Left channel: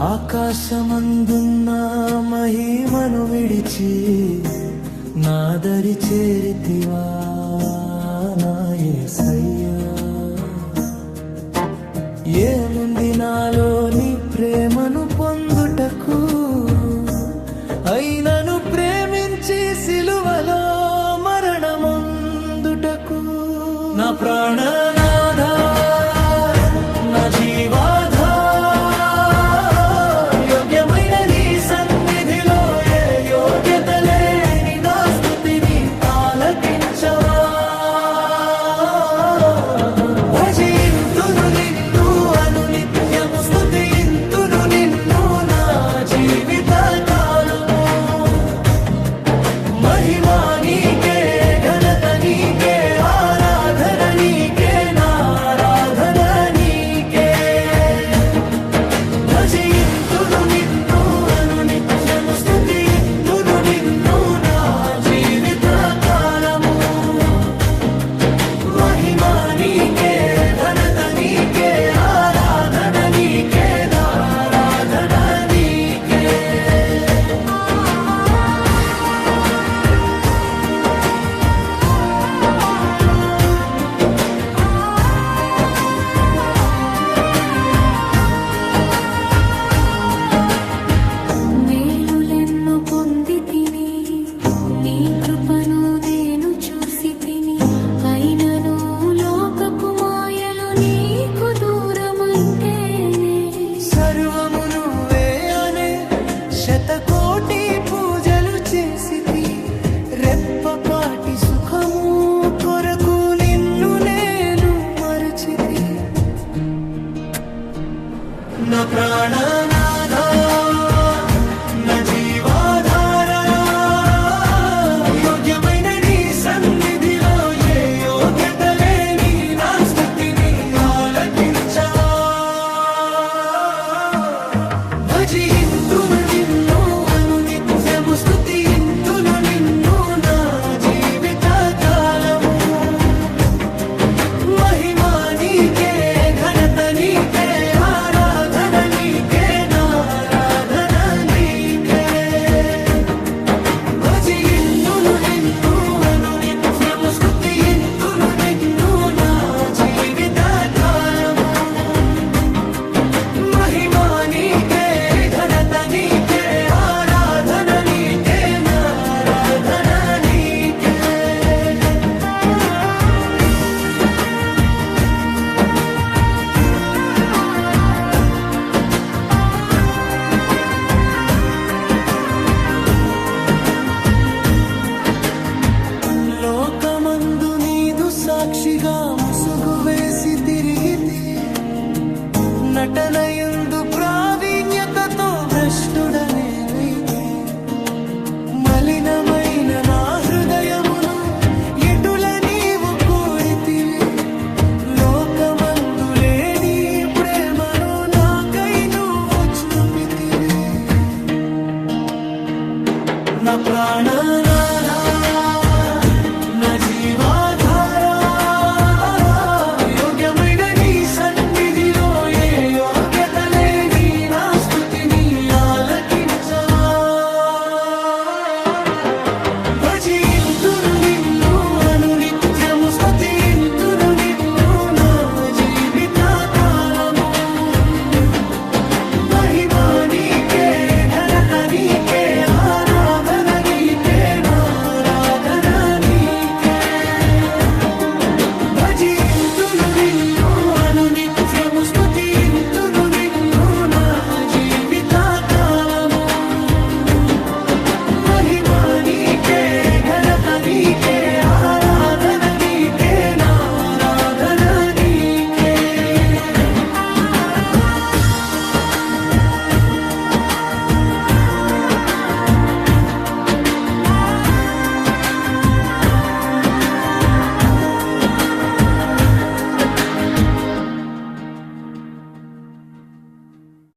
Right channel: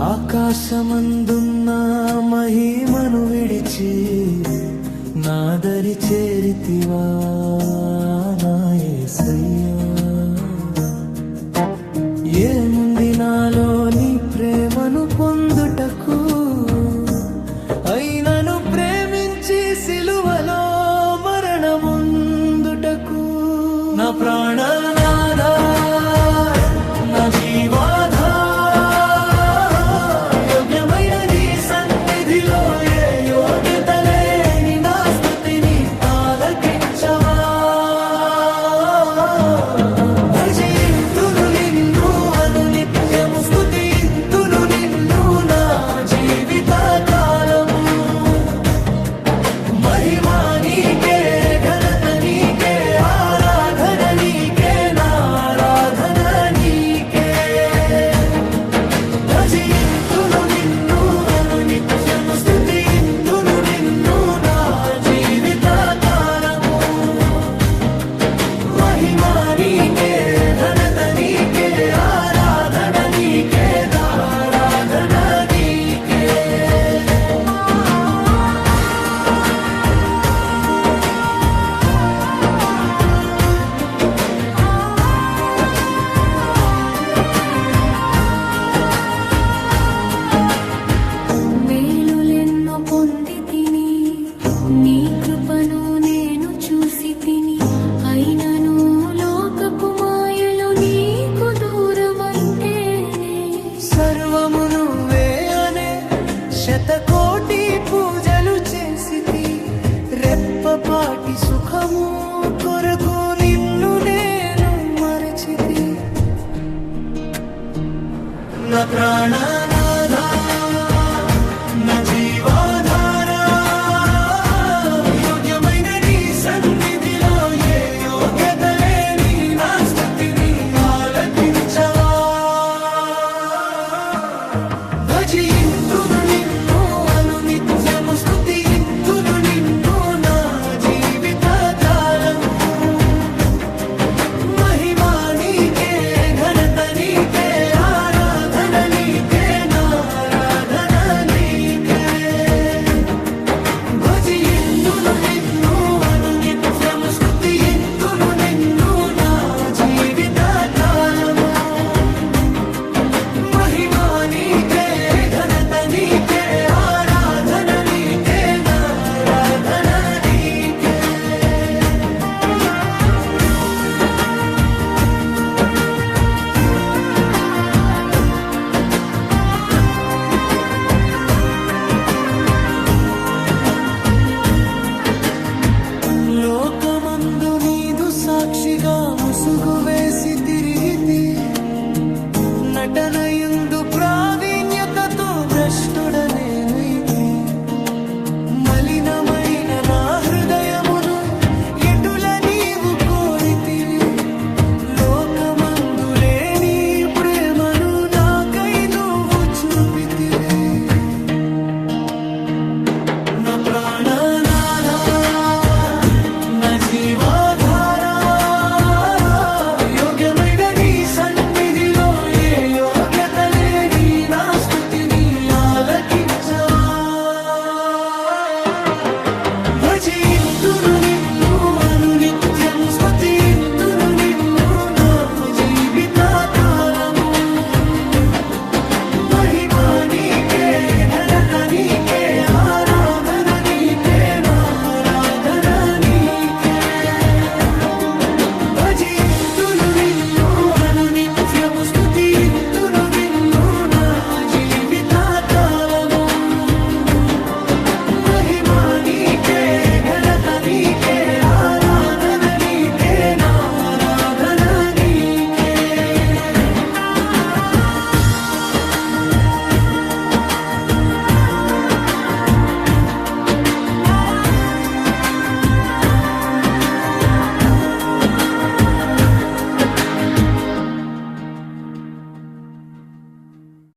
ఆకాశమందున్న మహిమను విడిచి నాదరి చేరితివా నా యేసయ్యా. ఏముంది నాలో నీ ప్రేమను పొందుటకు, అయినను ప్రేమించి సిలువలో మరణముందుటకు. నా ప్రాణనాథా, నా జీవాధార, యోగ్యమైన నీ సన్నిధిలో ఏ యోగ్యత లేని నా స్తుతిని ఆలకించవా. భజింతును నిన్ను అనునిత్యము, స్తుతింతును నిన్ను నా జీవిత కాలము. మహిమా నీకే, ఘనత నీకే, ఆరాధన నీకే, నా ఆరాధన నీకే. భజింతును నిన్ను అనునిత్యము, స్తుతింతును నిన్ను నా జీవిత కాలము. మహిమా నీకే, ఘనత నీకే, ఆరాధన నీకే, నా ఆరాధన నీకే. మేలులెన్నో పొంది తిని, నీ కృపను నేను చూసి తిని, అయినను లోకపు మాయలో నీకు దూరమైతేనే. సర్వము నువ్వే అనే శతకోటి పూజలు చేసితి, రెప్పపాటి సుఖము కొరకు నిన్ను నేను మరచితి. నా ప్రాణనాథా, నా జీవాధార, యోగ్యమైన నీ సన్నిధిలో ఏ యోగ్యత లేని నా స్తుతిని ఆలకించవా. భజింతును నిన్ను అనునిత్యము, స్తుతింతును నిన్ను నా జీవిత కాలము. మహిమా నీకే, ఘనత నీకే, ఆరాధన నీకే, నా ఆరాధన నీకే. భజింతును నిన్ను అనునిత్యము, స్తుతింతును నిన్ను నా జీవిత కాలము. మహిమా నీకే, ఘనత నీకే, ఆరాధన నీకే, నా ఆరాధన నీకే. లోకమందు నీదు సాక్షిగా ముసుగు వేసి తిరిగితి, నటనయందు ప్రావీణ్యతతో భ్రష్టుడనేనైతి. మలినమైన నా హృదయమును ఎటుల నీవు కోరితివి, లోకమందు లేని ప్రేమను నాకై నువ్వు చూపితివి. నా ప్రాణనాథా, నా జీవాధార, యోగ్యమైన నీ సన్నిధిలో ఏ యోగ్యత లేని నా స్తుతిని ఆలకించవా. భజింతును నిన్ను అనునిత్యము, స్తుతింతును నిన్ను నా జీవిత కాలము. మహిమా నీకే, ఘనత నీకే, ఆరాధన నీకే, నా ఆరాధన నీకే. భజింతును నిన్ను అనునిత్యము, స్తుతి